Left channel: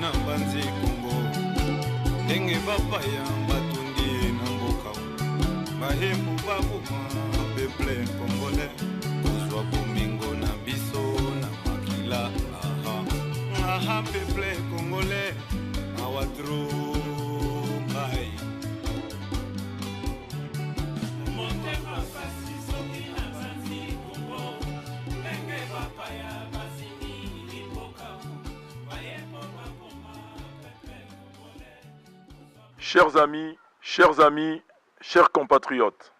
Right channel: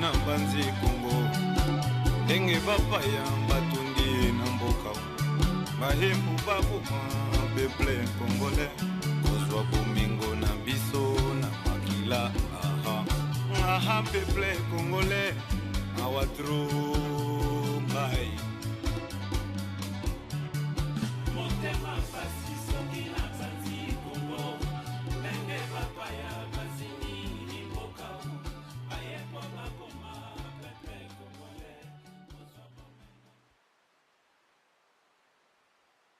na banzi Congo ndenge bapaya batundi na mboka bahembu baboma peuple congolais kozwa bomengo na biso na makila aha peuple congolais awatro mai Chers amis, chers compatriotes,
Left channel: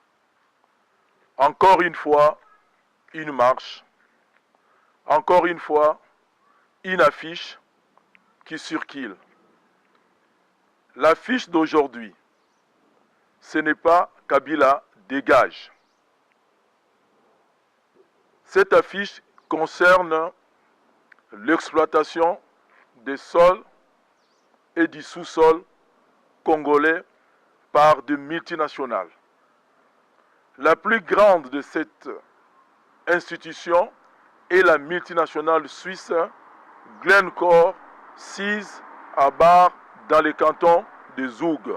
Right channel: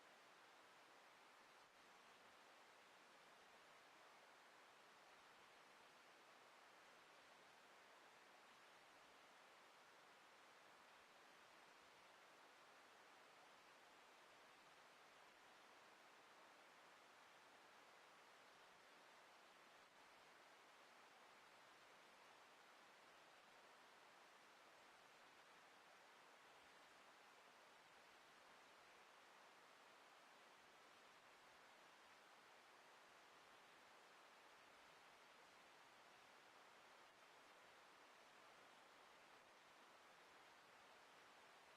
encore une fois, une marche, encore une fois, une affiche qui circule. L'affiche d'aujourd'hui, ce n'est pas Kabila dégage. Cette affiche concerne l'exploitation des sols et du sous-sol congolais par de multinationales. La plus grande de cette institution est la multinationale suisse Glencore, sise à Bar dans le canton de Zoug.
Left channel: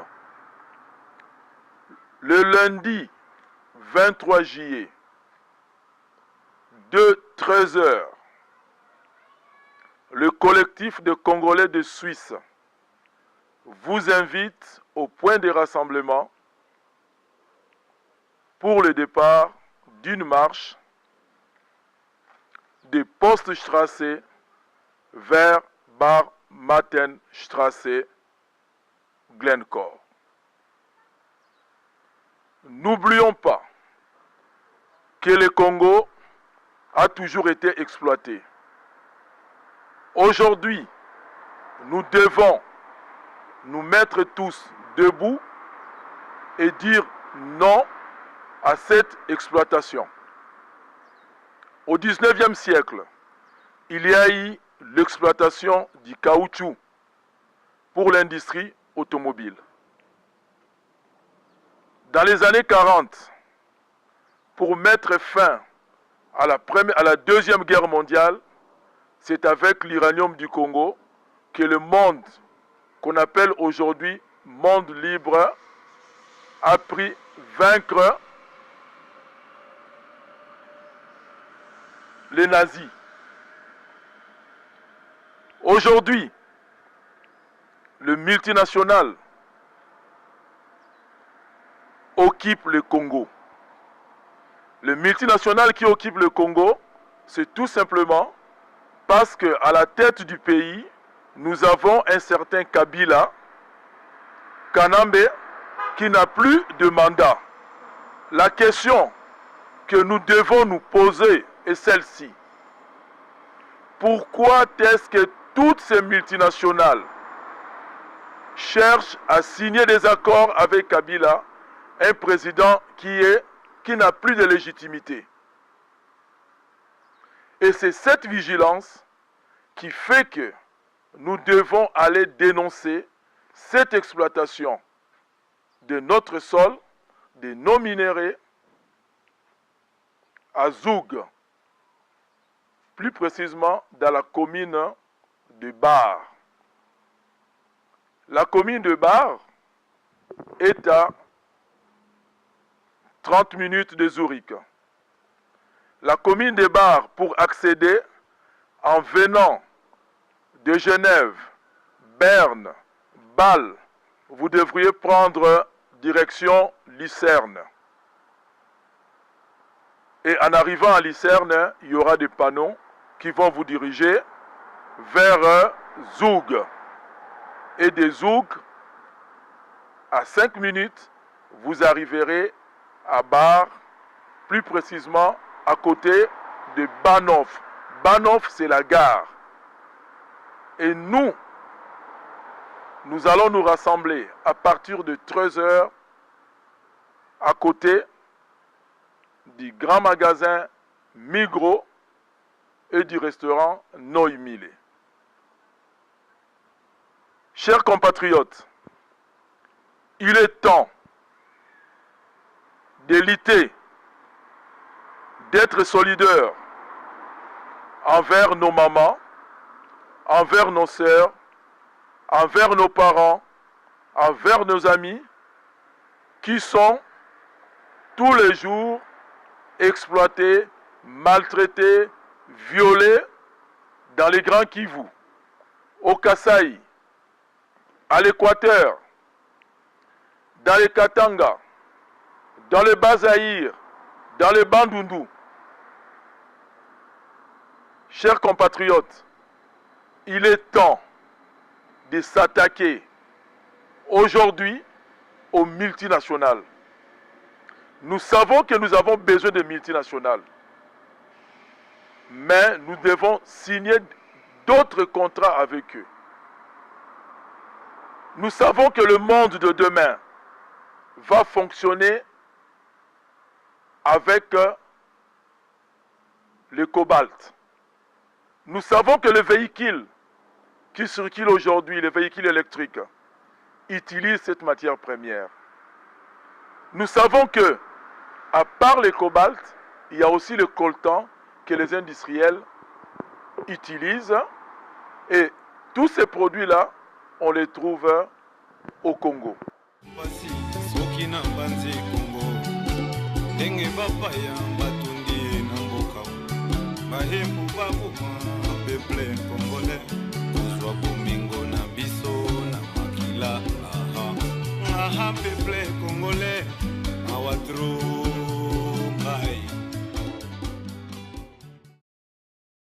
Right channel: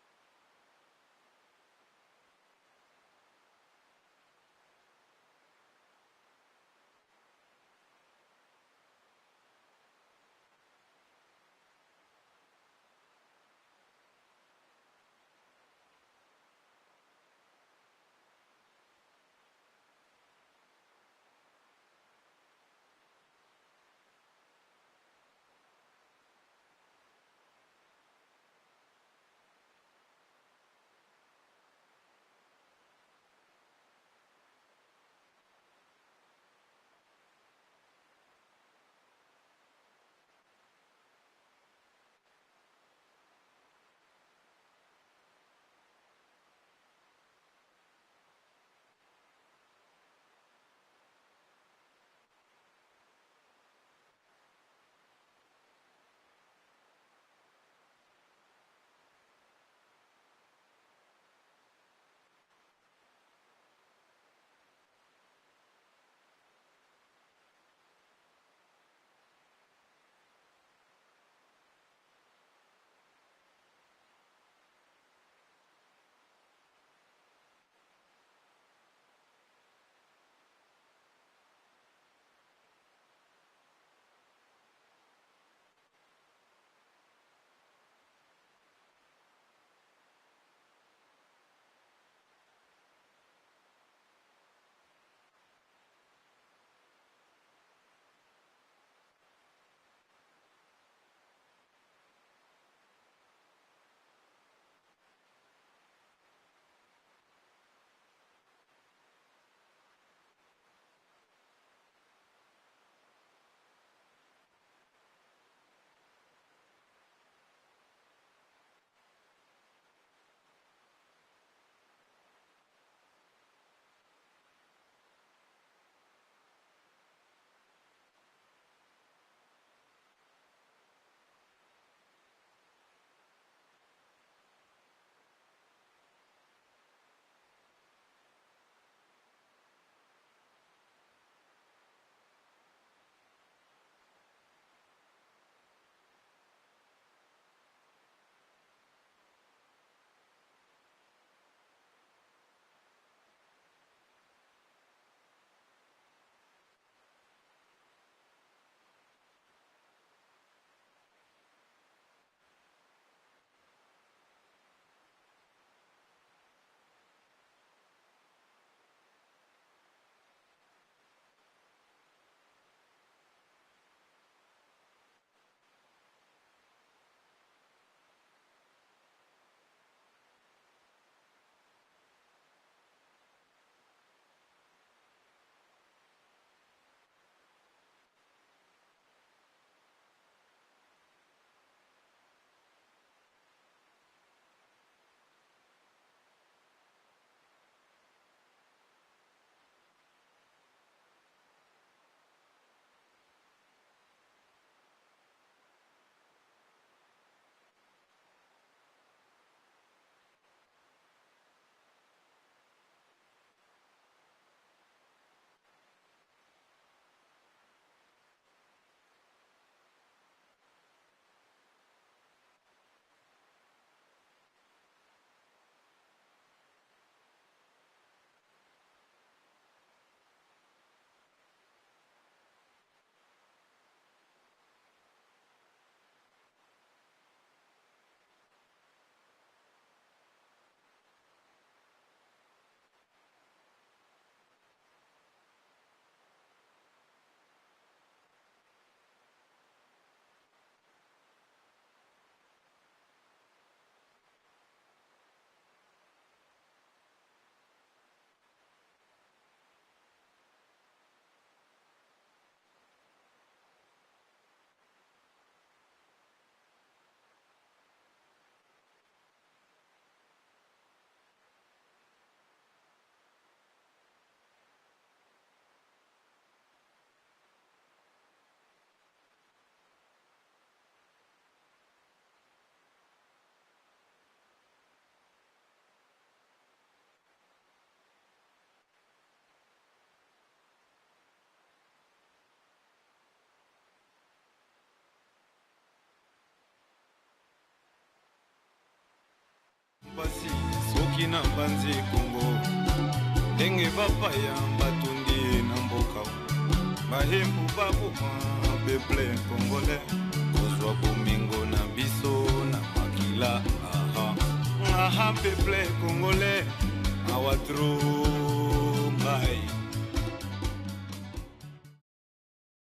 Le lundi 23 juillet, de 13 h, le collectif de Congolais de Suisse vous invite au point de rassemblement pour le départ d'une marche de Poststrasse vers Bar Martenstrasse, Glencore. N'oublions pas que le Congo a toujours été exploité. Aujourd'hui, nous devons nous mettre tous debout et dire non à cette exploitation. Au 19e siècle, il y a eu l'exploitation du caoutchouc pour l'industrie automobile. Dans les années 40, pour mettre fin à la Deuxième Guerre mondiale, c'est avec l'uranium du Congo que le monde qu'on appelle aujourd'hui monde libre a pris vaincre les nazis. Aujourd'hui, le multinational occupe le Congo. Le multinational qui occupe le Congo, c'est tout simplement parce qu'à la tête du pays, nous avons un certain Kabila Kanambe qui n'a plus de mandat. La question que nous devons nous poser est celle-ci. Pourquoi est-ce que toutes ces multinationales cherchent à signer des accords avec Kabila, un président qui n'a plus de légitimité? Et c'est cette vigilance qui fait que nous devons aller dénoncer cette exploitation de notre sol, de nos minéraux à Zoug, plus précisément dans la commune de Bar. La commune de Bar est à 30 minutes de Zurich. La commune de Bar, pour accéder en venant de Genève, Berne, Bâle, vous devriez prendre direction Lucerne. Et en arrivant à Lucerne, il y aura des panneaux qui vont vous diriger vers Zoug. Et de Zoug, à 5 minutes, vous arriverez à Bar, plus précisément à côté de Bahnhof. Bahnhof, c'est la gare. Et nous allons nous rassembler à partir de 13 h à côté du grand magasin Migros et du restaurant Noimile. Chers compatriotes, il est temps de lutter, d'être solidaires envers nos mamans, envers nos sœurs, envers nos parents, envers nos amis, qui sont tous les jours exploités, maltraités, violés dans les Grands Kivu, au Kasaï, à l'Équateur, dans les Katanga, dans le Bas-Zaïre, dans le Bandundu. Chers compatriotes, il est temps de s'attaquer aujourd'hui aux multinationales. Nous savons que nous avons besoin de multinationales, mais nous devons signer d'autres contrats avec eux. Nous savons que le monde de demain va fonctionner avec le cobalt. Nous savons que le véhicule qui circule aujourd'hui, les véhicules électriques, utilisent cette matière première. Nous savons que, à part le cobalt, il y a aussi le coltan que les industriels utilisent. Et tous ces produits-là, on les trouve au Congo. Peuple congolais, our true